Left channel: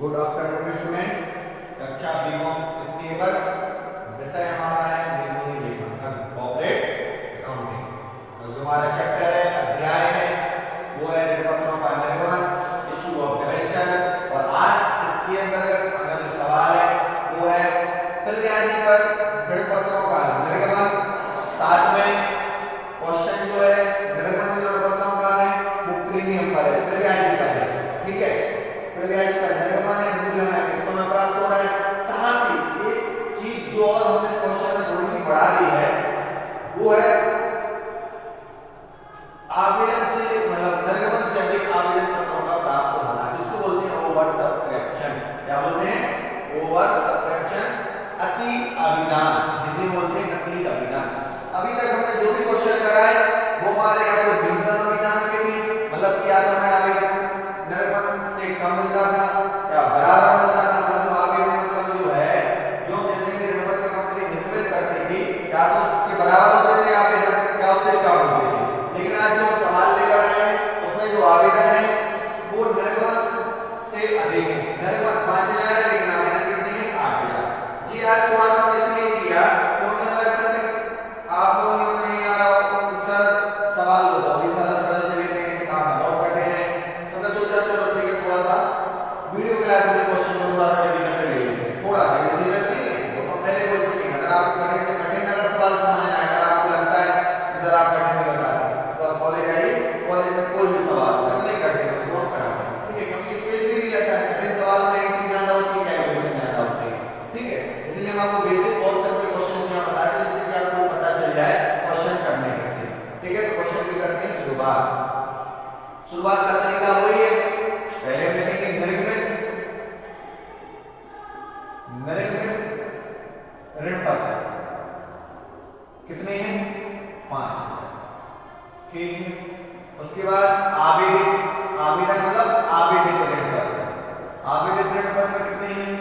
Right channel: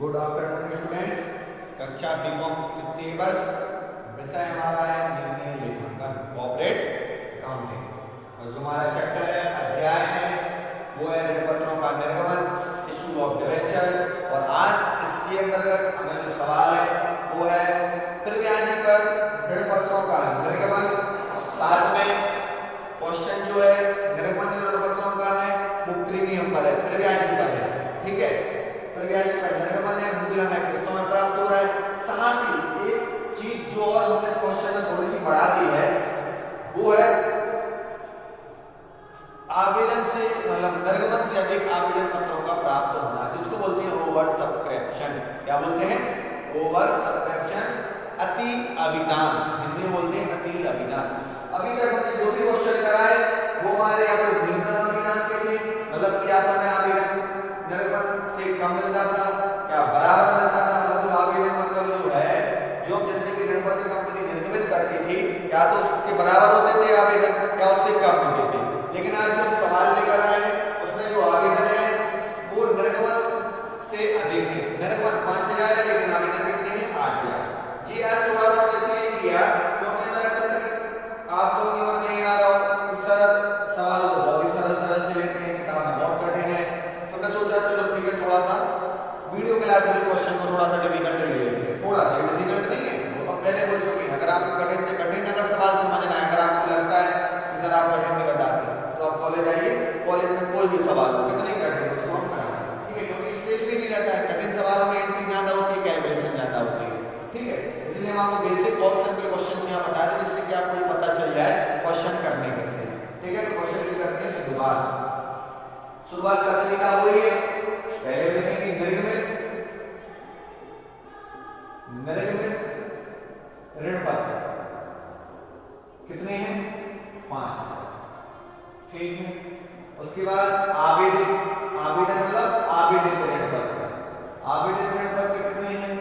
Good afternoon students. कक्षा BCom तृतीय वर्ष, विषय हमारा है निर्णय लेखांकन कॉर्पोरेट अकाउंटिंग, और जो हमारा चैप्टर है अध्याय है वो है ऋण पत्रों का निर्गमन, इशू ऑफ डिबेंचर। और आज इसके अंतर्गत हमें जो सवाल है वो है प्रव्याजी पर ऋण पत्रों का निर्गमन। साथ में क्वेश्चन जो है निर्गमन जो ऋण पत्रों का है वो प्रीमियम पर है, प्रव्याजी पर है। ठीक है, प्रव्याजी पर निर्गमन है, मूल्य हमें किस्तों में प्राप्त हो रहा है। साथ ही एक चीज जो और हमने क्वेश्चन में थोड़ी सी बढ़ा दी है वो है आवेदन से मतलब निर्गमन से अधिक आवेदन पत्रों का प्राप्त होना, जिसको बोलते हैं ओवर सब्सक्रिप्शन। क्या बोलते हैं? ओवर सब्सक्रिप्शन, अति अभिदान, हिंदी में बोलते हैं अति अभिदान। अभी तक हमने जो भी क्वेश्चन कराए वो हमारे या तो न्यूनतम अभिदान के थे, मतलब कि या तो हमें आवेदन निर्गमन से कम मिलता था या बराबर मिलता था। जो आवेदन मतलब जो है जो जितने भी ऋण पत्र कंपनी निर्गमित करती थी या तो उसके बराबर होते थे आवेदन या उससे कम होते थे। लेकिन आज जो सवाल लेकर आए हैं उसमें जो आवेदन है वो निर्गमन से अधिक है। निर्गमन 5000 है लेकिन आवेदन कितने हैं? 8000। जी आज थोड़ा सा इसलिए किया क्योंकि मुझे लगता था कि आप लोगों के मन में नहीं आ रहा हो सर सवाल तो बहुत ही सरल सरल से लेते हैं, किताब में बहुत कठिन है, तो मैं सोचा चलो ठीक है थोड़ा सा वीडियो क्लास में क्वेश्चन को थोड़ा सा डिफिकल्ट ले लेते हैं। थोड़ा सा डिफिकल्ट नहीं है, वो तो पहले बोल चुके हैं। अगर आप कठिन से कठिन अगर सवाल समझ में आए, अगर आपको लगता है कि सर आप कठिन में बताते हैं तो आप कॉलेज आइए, कॉलेज में कोई भी सवाल हो कितना ही कठिन उसको हम कराएंगे। ठीक है, क्योंकि स्पेस भी नहीं रहता है, कठिन सवाल में एंट्री ज्यादा होती है, कैलकुलेशन ज्यादा होती है। ठीक है, इसलिए हम आपको बेसिक और सिंपल क्वेश्चन को बता रहे हैं जिससे कि आपको पता चल जाए क्वेश्चन करने कैसे। ठीक है, तो क्वेश्चन की करते हैं शुरुआत का तरीका वही है। पहले हम लिखेंगे निर्गमित ऋण पत्र कितने हैं? 5। ठीक है, उसके बाद आवेदन मतलब आवेदित ऋण पत्र, आवेदित ऋण पत्र कितने हैं?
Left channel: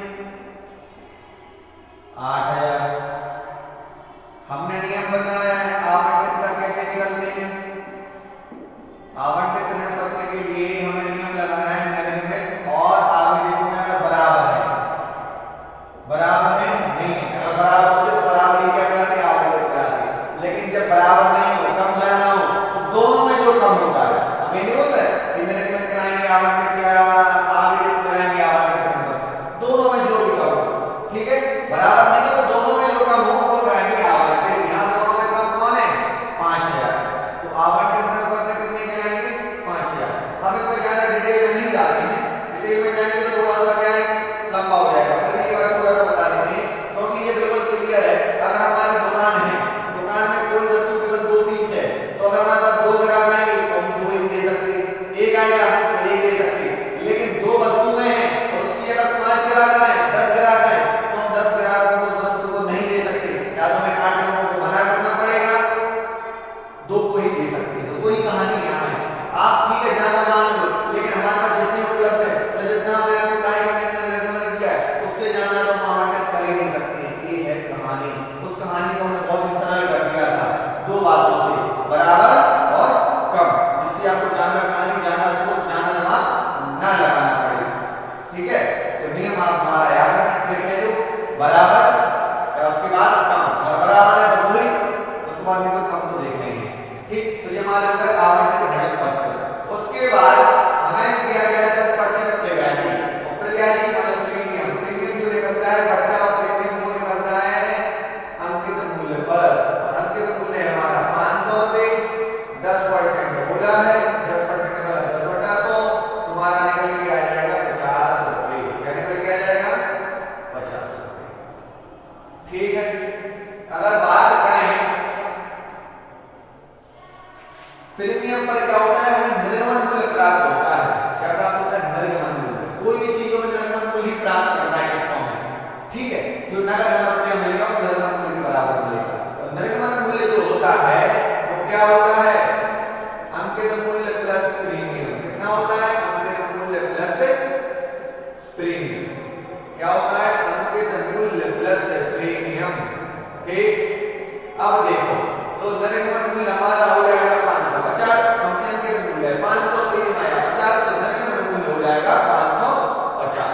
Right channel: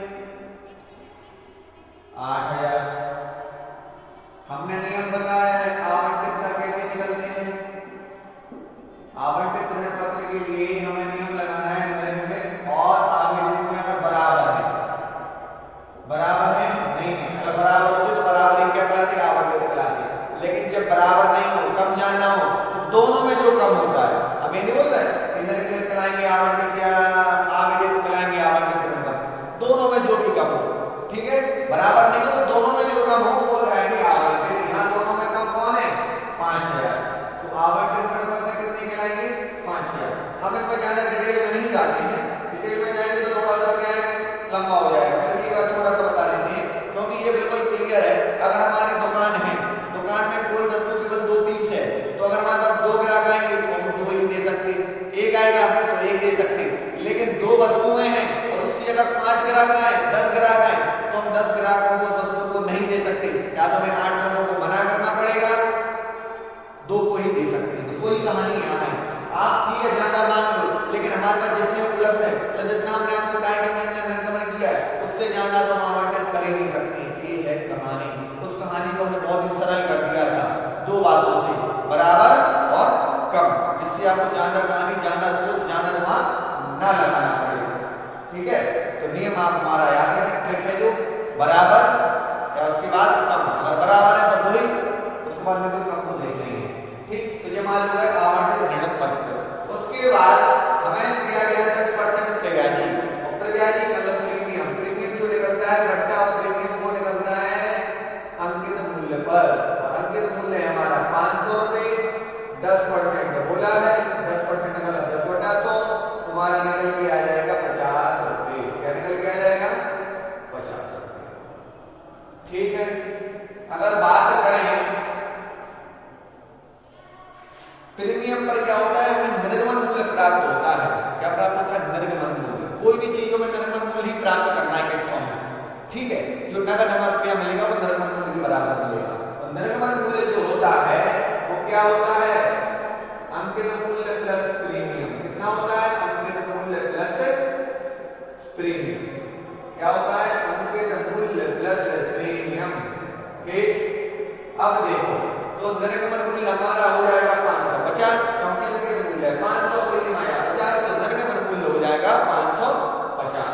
8000। हमने नियम बताया है आवंटित का कैसे निकलते हैं। आवंटित ऋण पत्र के लिए हमें नियम लगाना है निर्गमित और आवेदित में अगर बराबर है, बराबर है नहीं है, अगर बराबर होते तो बराबर ही क्या कहलाते? आवंटित कहलाते। लेकिन जब बराबर नहीं हो, कम जाना हो, तो दोनों में जो कम होता है, हम ये नहीं बोल रहे कि निर्गमित कराएंगे आवंटित या आवेदित कराएंगे आवंटित ऋण पत्र, दोनों में जो भी कम हो। ठीक है, बराबर नहीं हो, दोनों में जो कम हो वो रहेंगे आवंटित। यहाँ दोनों में कम कौन है? 5000। तो आवंटित ऋण पत्र कितने कराएंगे? 5000। हम इस पर ज्यादा डिटेल में नहीं जाते हैं, डिटेल में जाएंगे तो थोड़ा सा क्या है लंबा हो जाएगा, फिर भी अगर थोड़ा सा बता देते हैं क्योंकि ये बिल्कुल क्लियर है। अगर हमारी दुकान है, दुकान में कोई वस्तु केवल 2 पीस है, तो अगर हमारे पास 2 ग्राहक आएंगे तो हम 2 ही दे सकते, एक आएगा तो 1 दे सकते। लेकिन 2 वस्तुएं हैं और उसकी अगर 5 ग्राहक आए, 10 ग्राहक आए, तो हम 10 ग्राहकों को उस वस्तु को नहीं दे सकते, या तो हमें 8 लोगों को मना करना पड़ेगा, 2 को ही दे सकते। तो वही कहानी यहाँ है। आप ठीक है ज्यादा मांग लो, लेकिन हमारे पास जितने उपलब्ध है तो जितना हमने कार्यक्रम में निर्गमन किया है उससे ज्यादा तो आवंटित कर ही नहीं सकते। ये है कहानी। उस कहानी को हमने बहुत ही सरल कर दिया था 2 बातों से, बराबर और कम, जिससे आपको ज्यादा कहानी, ज्यादा सोच, ज्यादा दिमाग न लगाना पड़े। ठीक है, तो नियम आप हमारा याद रखें, ट्रिक है जो बराबर या उसके बाद कम। अगर बराबर है तो वही, उसके बाद में कोई कम तो देख नहीं है। ठीक, तो ये हमारे हो गए आवंटित ऋण पत्र। उसके बाद हमें दिया गया 10% प्रव्याजी, और प्रव्याजी मतलब प्रीमियम। प्रीमियम जो निकलता है बट्टा और प्रीमियम को निकलता है अंकित मूल्य पर, और अंकित मूल्य हमारा 500 रुपए। 10% बोला है, 10% का 10/100 तुम्हारा निकल के आ जाएगा 50 रुपए। क्या निकल के आ जाएगा? 50 रुपए। ठीक है, अगर बात करें प्रीमियम पर क्या होता है? हमें निर्गमन मूल्य प्राप्त होता है। क्या प्राप्त होता है? निर्गमन मूल्य। कोई भी चीजों में निर्गमन मूल्य ही प्राप्त करना है किस्तों में। ठीक है, जो नगद हमें रुपया मिलेगा वो निर्गमन मूल्य के बराबर मिलेगा। और निर्गमन मूल्य जो होता है वो क्या होता है? अंकित मूल्य प्लस प्रीमियम। कितना होता है? अंकित मूल्य प्लस प्रीमियम। क्या होता है? अंकित मूल्य प्लस प्रीमियम। ठीक, अब देखो तो निर्गमन मूल्य हमारा हो जाएगा 550। कंपनी के मूल्य 500, प्रीमियम आया 50, तो निर्गमन मूल्य हो जाएगा 550।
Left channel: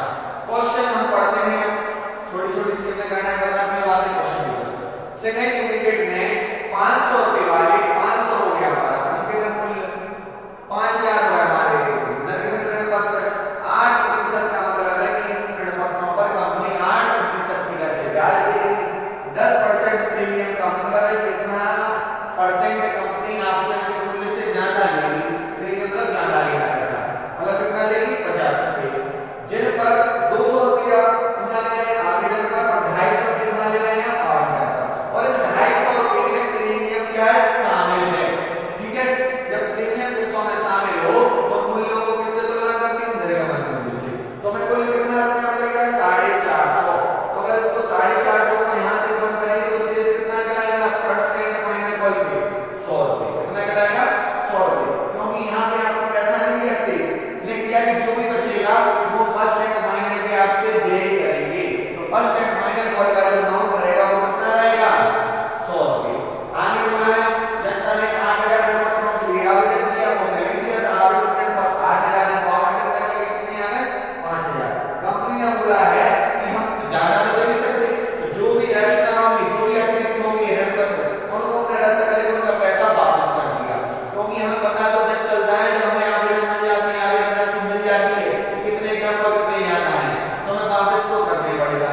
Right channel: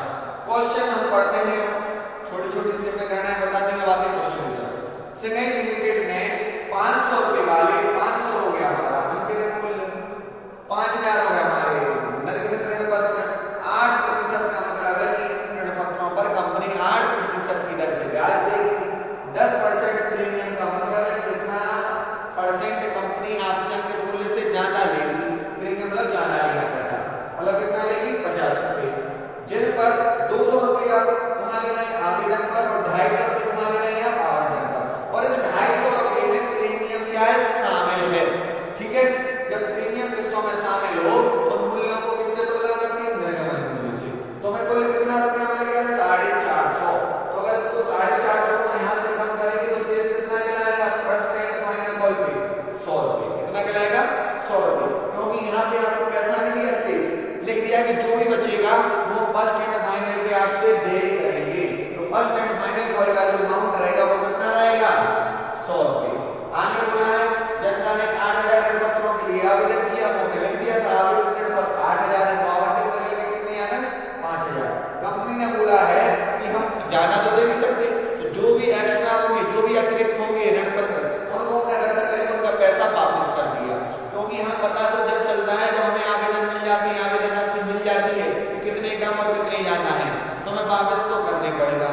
पता तो जब चलता है जब हमें आवेदन मिल जाती है, आवेदन राशि मिल जाती है कितने कम और कितने ज्यादा है, तो हमें वापस तो करना ही पड़ेगा।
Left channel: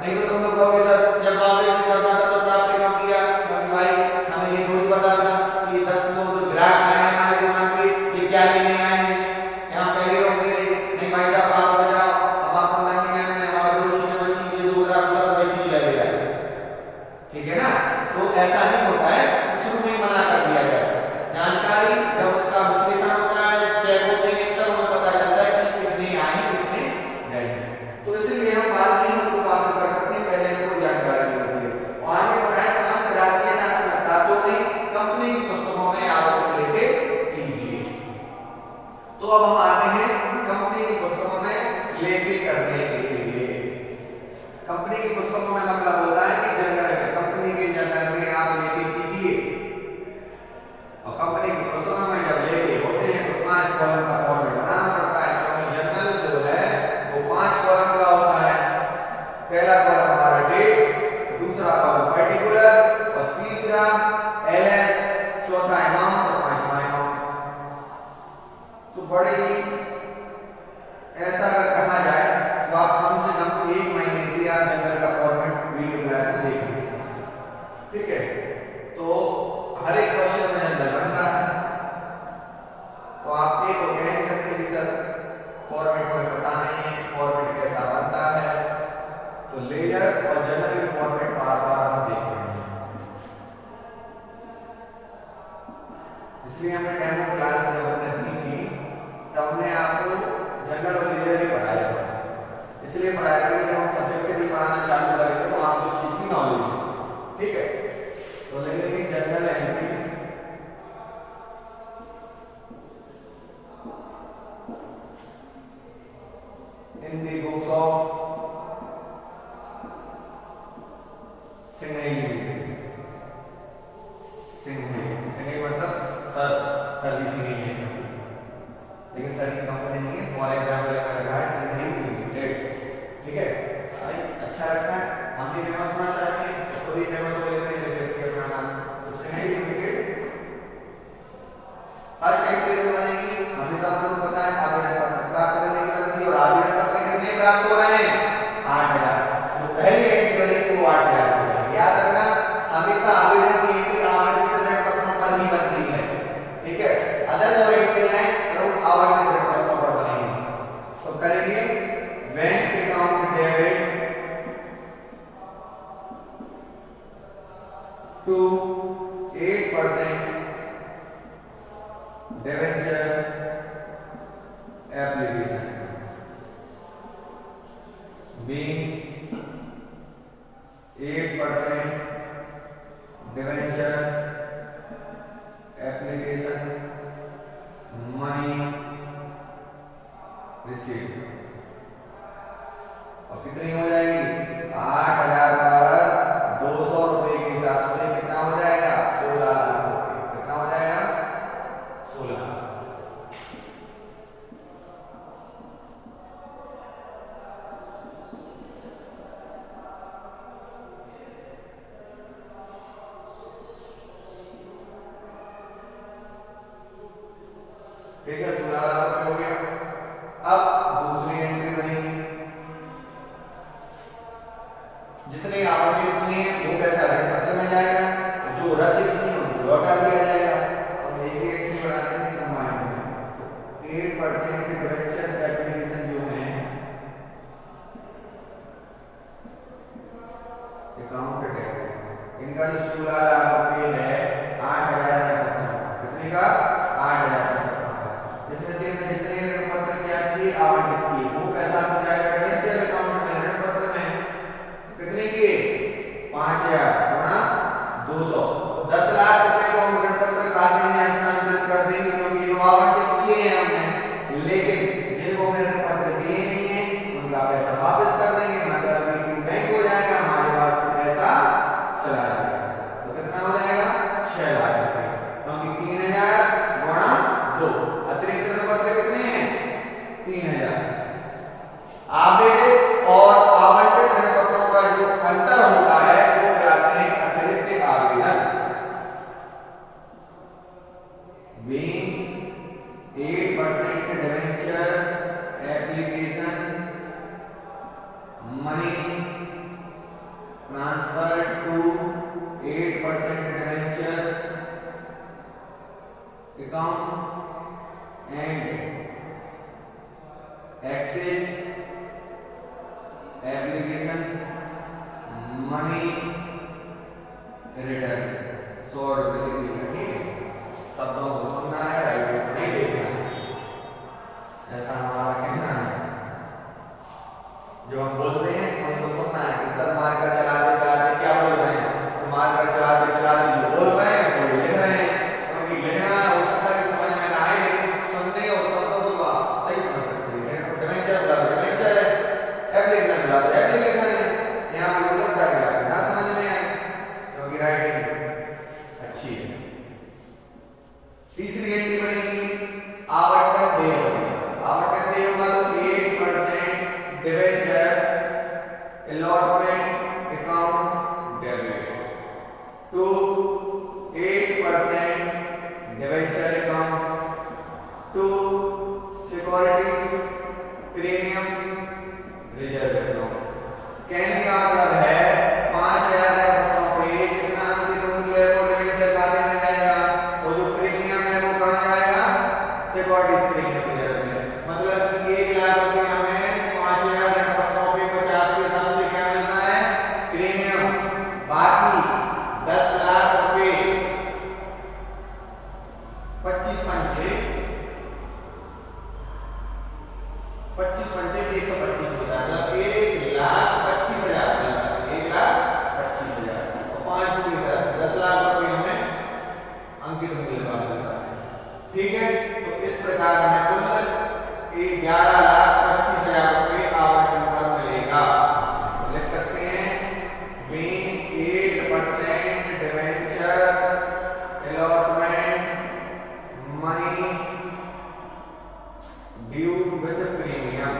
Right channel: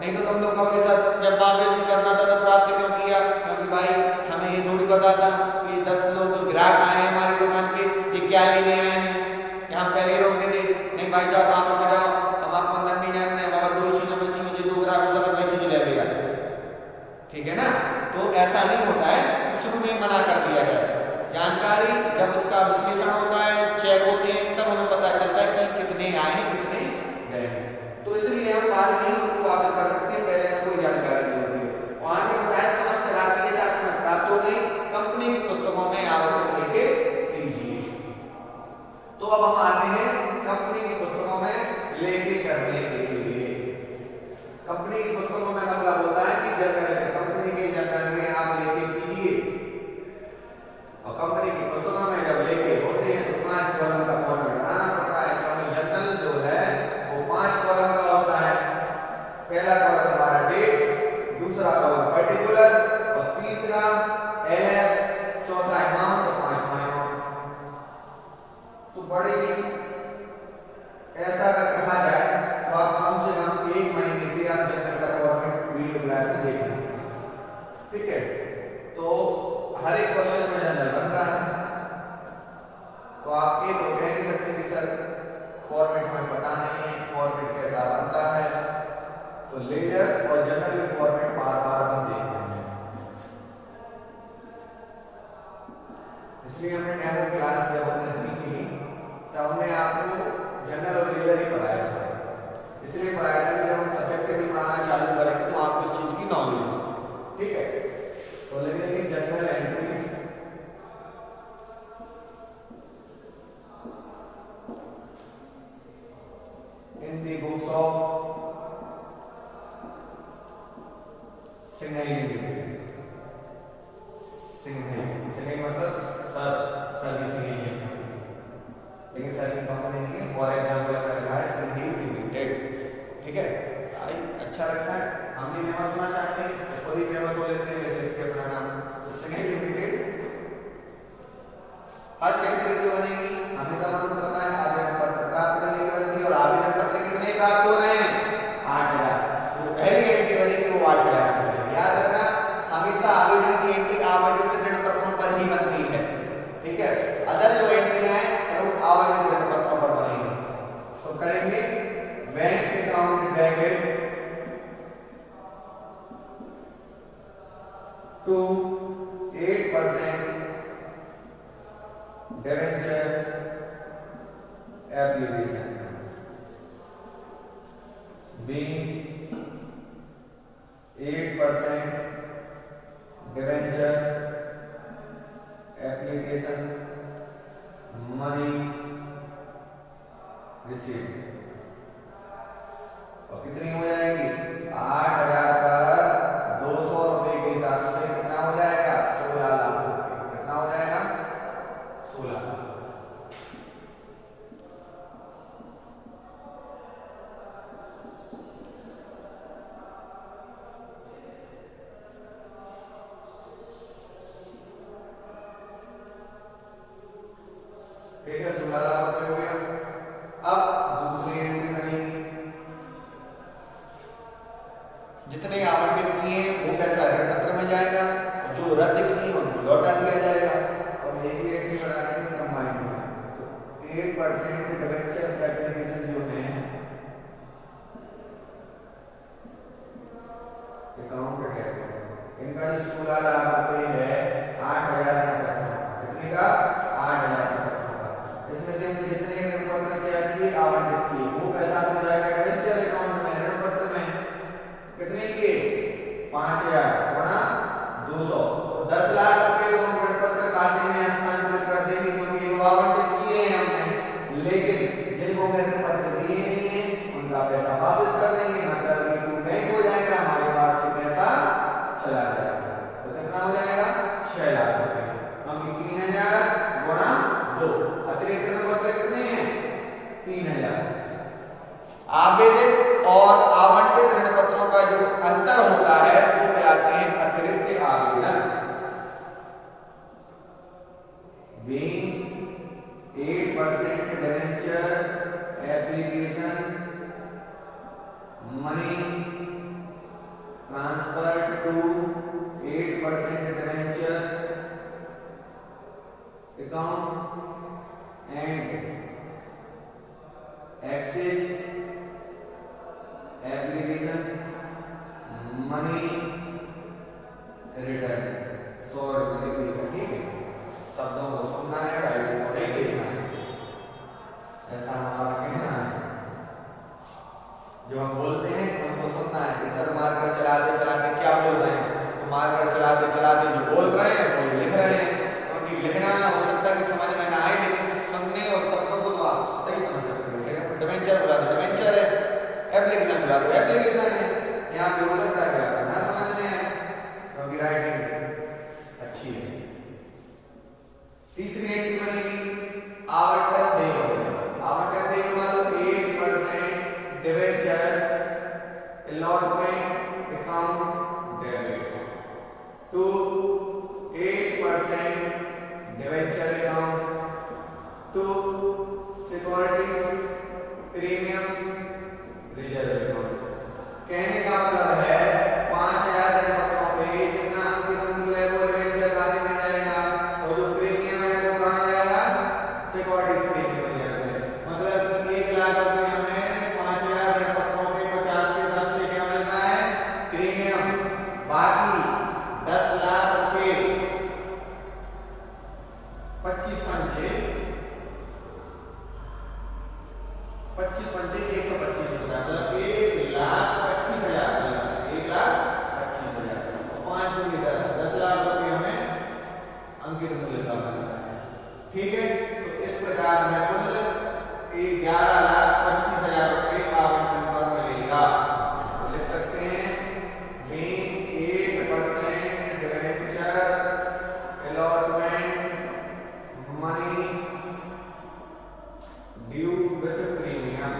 नहीं तो तुम लोग कहोगे सर जब वापस नहीं करना था तो प्राप्त क्यों किया, क्योंकि भाई हमें ये थोड़ी पता था कि 10 लोग जो ग्राहक आए हैं हमारी दुकान पे ये क्या लेने आए हैं, यहाँ पहले रोक दे दे नहीं भाई साहब आप बजाओ, अब आप अंदर नहीं जाने हमारे दोषी ने बची मुझे 2 ग्राहक सब बेच नहीं लगेगा, ठीक है ना। तो ऐसा नहीं होता है, शुरू में मना कर दिया जाए। जानकारी जब उसका विश्लेषण होता है, चेक होते हैं, तब हमें पता चलता है कि कितने आए कितने गए, तो इसलिए हम बात नहीं उनको वापस कर सकते हैं, पहले में कोई जानकारी नहीं होती है। और आगे बताया समस्त राशि यथासमता तो वही कंपनी की पुस्तकों में आवश्यक लेके कीजिए। तो अब हम आते हैं कंपनी की पुस्तकों में लेके करने के लिए। कंपनी की पुस्तकों में मतलब होता है कि जर्नल में, कंपनी के जर्नल में आप लेके कीजिए। और कंपनी की पुस्तकों में जब लेके होते हैं तो 5 कॉलम का फॉर्मेट बनाना पड़ता है, क्योंकि जर्नल जो है वो 5 कॉलम का होता है। पहला कॉलम हमारा डेट, दूसरा कॉलम पर्टिकुलर और तीसरा एलएफ, चौथा अमाउंट और 5वां अमाउंट। तो बड़े ही ऐसा अगर कहा जाए तो आप कम से कम 1 महीने से आप जर्नल का फॉर्मेट वीडियो क्लास में देख लीजिए, ठीक है। तो हर एक क्वेश्चन में जर्नल बन रहा है, तो आप ये तो कह नहीं सकते कि सर फॉर्मेट हमें पता नहीं है फॉर्मेट कैसा बनता है, तो लेजर और जर्नल के फॉर्मेट बार बार हम देख रहे हैं। इसलिए हमने डेमो क्लास जब हमने दी थी तब हमने आपको जर्नल और लेजर ही पढ़ाया था, इसलिए पढ़ाया था कि जब हम सब्जेक्टिवली पढ़ाना चालू करेंगे तो आपको इस चीज की नॉलेज हो, ठीक है। तो लिखेंगे journal entries in the books of Singhai limited. Singhai मतलब सर भी सिंघई है, लेकिन सर की कंपनी नहीं है, फॉर एग्जाम्पल का लगा है सिंघई लिमिटेड, ठीक है। भाई अच्छा लगता है, हम भी फेमस होना चाहते हैं तो खुद ही फेमस हो लेते हैं, लिख के अपना नाम। तो सिंघई लिमिटेड फर्स्ट एंट्री जो बनेगी हमें तो पता है आवेदन पत्र प्राप्त करने की बनती है, और आवेदन पत्र कितने प्राप्त हो रहे हैं 8000। तो पहली एंट्री बनेगी वो 8000 से, याद रखना हमेशा आवेदन की एंट्री आवंटित ऋण पत्रों पर ही बनती है, ठीक है। अदर जो एंट्री है वो आवंटित ऋण पत्रों पर बनेगी। तो करेंगे bank account debit to 8% debenture application being 8% debenture application money receive. और कितनी हो जाएगी 8000 पर 200 रुपए के हिसाब से कितना हो जाएगा 16 लाख रुपए। कितना हो जाएगा 16 लाख। ठीक है 16 लाख रुपए हो गया। अब दूसरी एंट्री बनेगी, जितने आवंटित किए वो पैसा ऋण पत्र में जाएगा, जो रद्द किए उनको लौटा दिया जाएगा। और एक एंट्री बढ़ा देंगे कंबाइंड में, तो 8% डिबेंचर एप्लीकेशन जो है अकाउंट डेबिट, इनका जो 16 लाख रुपए है 8000 ऋण पत्र का, कितने का 8000 ऋण पत्र का। इसमें से जितने ऋण पत्र क्या किए आवंटित किए वो पैसा हो जाएगा डिबेंचर अकाउंट में, ऋण पत्र में कितने किए 5000 गुणा 200, 10 लाख रुपए तो हम ऋण पत्र खाते में हस्तांतरित कर देंगे, क्योंकि ये आवंटित किए हैं हमने। 8% debenture application money transfer to 8% debenture account and excess application money return 100 रुपए लिख दिया। ठीक है, शब्दों को सुनना है, डायरी को नहीं देखना है, ऐसा हमारा कहना है। जो हम बोलते हैं उनको सुनना है कि सर मारकर चलाते चलाते क्या बोल रहे हैं, तो मारकर चलाते चलाते जो बोल रहे हैं वो लिख रहे हैं। क्योंकि लिखना हो सकता है कि समझ में ना आए, लेकिन सुनने और शब्दों को तो आप सही समझ सकते हैं। डिवेंचर बोला तो डिवेंचर है, एप्लीकेशन बोला तो एप्लीकेशन है। यहाँ पे बोला कर दिया ना समझ में आए, क्योंकि राइटिंग अच्छी है। तीसरी एंट्री बनेगी आवंटन देय होगा। आवंटन देय होगा तो 8% debenture allotment account debit to 8% debenture account to securities premium reserve account. कहने का मतलब है 5000 पत्रों पे जितना अंकित मूल्य है वो डिवेंचर खाते में जाएगा, और जो प्रीमियम है वो कहां जाएगा, सिक्योरिटीज प्रीमियम रिजर्व में। मतलब कि 1 लाख रुपए हमें 5000 पत्रों पे 50 के हिसाब से क्या मिल रहा है, प्रीमियम। बाकी 10 लाख रुपए 25 पंचे 125 होता है, मतलब 1,25,000 मिल रहा है, 1,25,000 और 5 दूनी 10 लाख रुपए हमें अंकित मूल्य का मिल रहा है। ठीक है, तो इस प्रकार हमें कुल 11,25,000 रुपए आवंटन पर मिलेगा। तो लिख सकते हैं 8% debenture allotment money due with premium,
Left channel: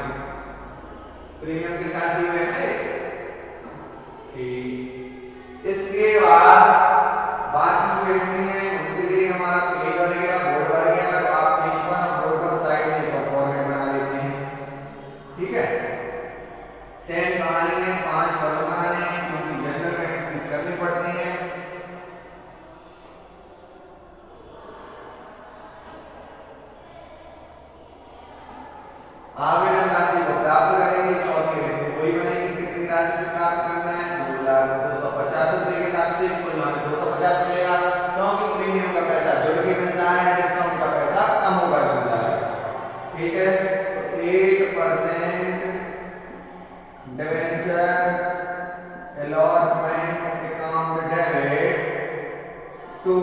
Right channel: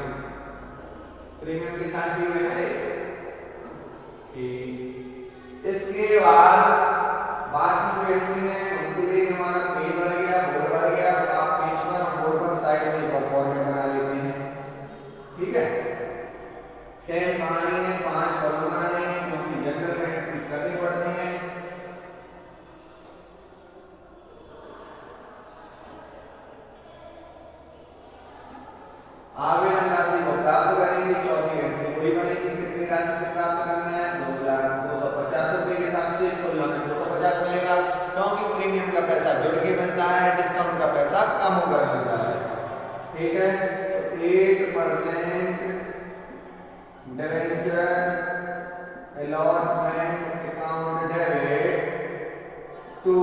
premium के साथ ड्यू रहते। इसके बाद बाकी जो एंट्री है उनके लिए हमारा पेज भर गया, बोर्ड भर गया, तो आप पेज पर और बोर्ड पर साइड में एक फॉर्मेट बना लेते हैं। ठीक है, सेम कहानी है, 5 कॉलम बनाने हैं क्योंकि जनरल में एंट्रीज करनी पड़ती हैं। आवेदन राशि को प्राप्त करेंगे, चौथी एंट्री वही बनेगी, कितनी राशि से प्राप्त करना है, 2,250 रुपए के हिसाब से कुल हमें 250 मिलेगा, क्योंकि प्रीमियम का पैसा जुड़ के मिलता है, डिस्काउंट का पैसा कम होकर मिलता है। ठीक है, तो 8% debenture allotment account debit to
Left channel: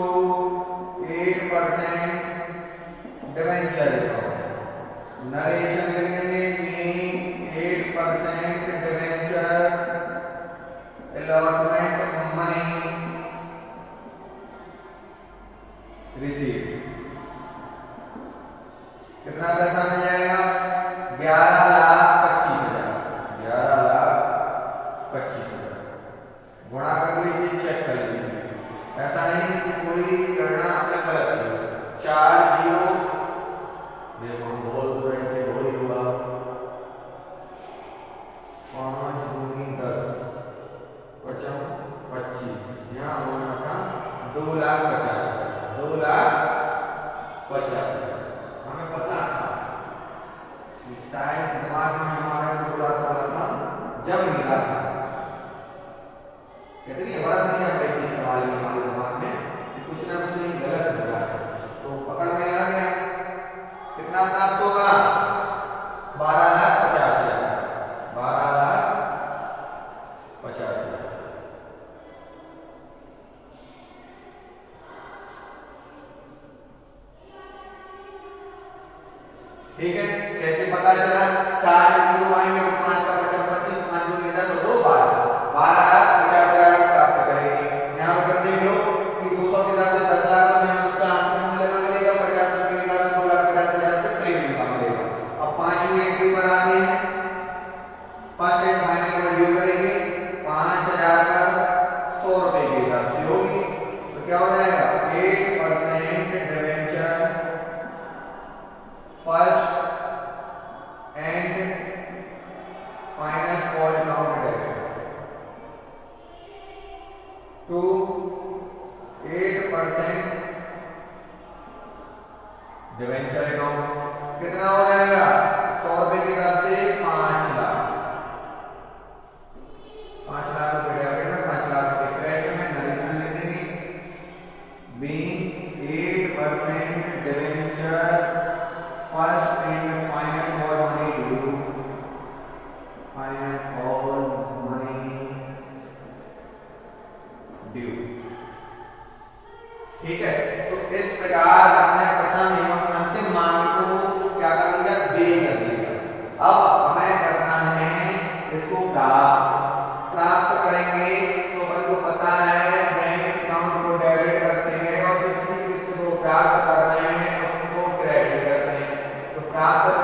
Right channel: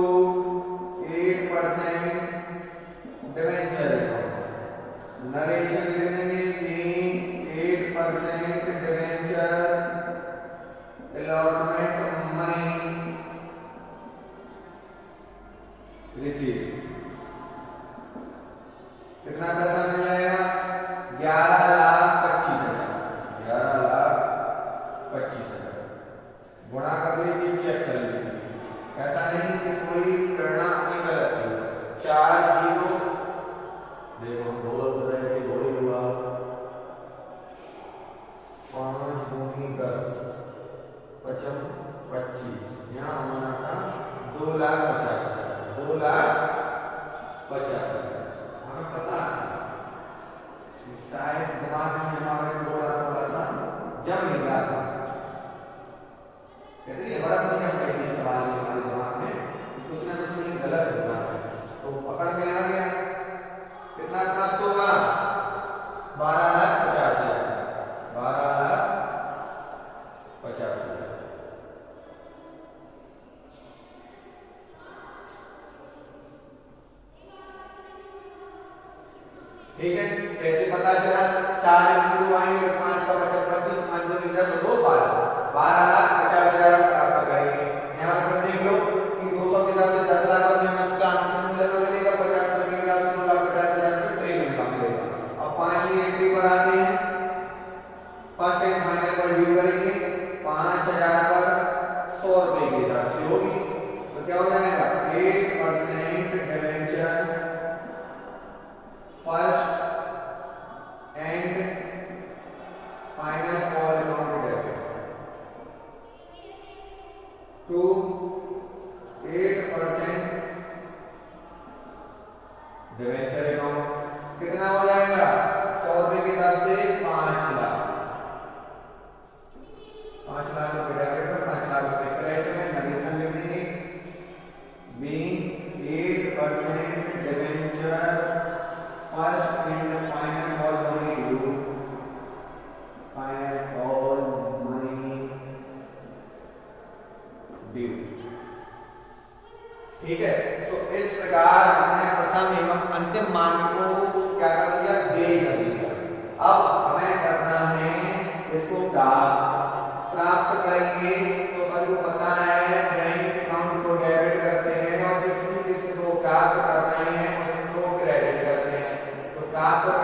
8% debenture narration लिखने में 8% डिवेंचर अलॉटमेंट मनी रिसीव। कितना पैसा मिल जाएगा, 11,25,000 गुणा कर लीजिए, चेक कर लीजिए। ऐसा नहीं कि कोई गणना अपने गलत की, 4 जीरो देखो हम बोल रहे थे वही हुआ, 5 दूनी 10 55 25, यहाँ होना था 2,50,000 हमें पता था कि शायद दिमाग में हमारे थोड़ा सा जब नहीं रहा था, कहते नहीं बड़ा नहीं जब रही इस सवाल में हमारे दिमाग में कुछ ना कुछ नहीं गलत हो रहा है, तो पकड़ में आ गया। कितना प्राप्त होगा, 12,50,000 12,50,000। ठीक है, कैसे पता चला, 4 किलो आएंगे तो 5 का बचा 25, 5 2 10 और 2 12,50,000 हम प्राप्त करेंगे। यहाँ पर देख लो कि 200 के साथ 10 लाख में उसका अंतिम मूल्य मिलेगा, 50 के साथ 2,50,000 रुपये प्रीमियम का मिलेगा। अब 5वीं एंट्री बनाते हैं, फर्स्ट एंड फाइनल पर ड्यू करेंगे, 5,000 पर 100 रुपए के हिसाब से होगी, तो क्या हो जाएगा 8% debenture first and final call account debit to 8% debenture account. कितना हो जाएगा? 100 रुपए की दर से 5 लाख, 5 लाख रुपए डेबिट में, 5 लाख रुपए क्रेडिट में। नरेशन लिख देंगे being 8% debenture first and final call money due, final call money due. ठीक है, तो इस प्रकार हमने प्रथम एवं अंतिम मांग को क्या कर लिया? दे कर लिया। अब हमें करना है इसको प्राप्त करेंगे। तो अपन को पता है बैंक अकाउंट को डेबिट करते हैं और जिस भी किस्त को प्राप्त कर रहे हैं उसको क्रेडिट करते हैं। तो प्राप्त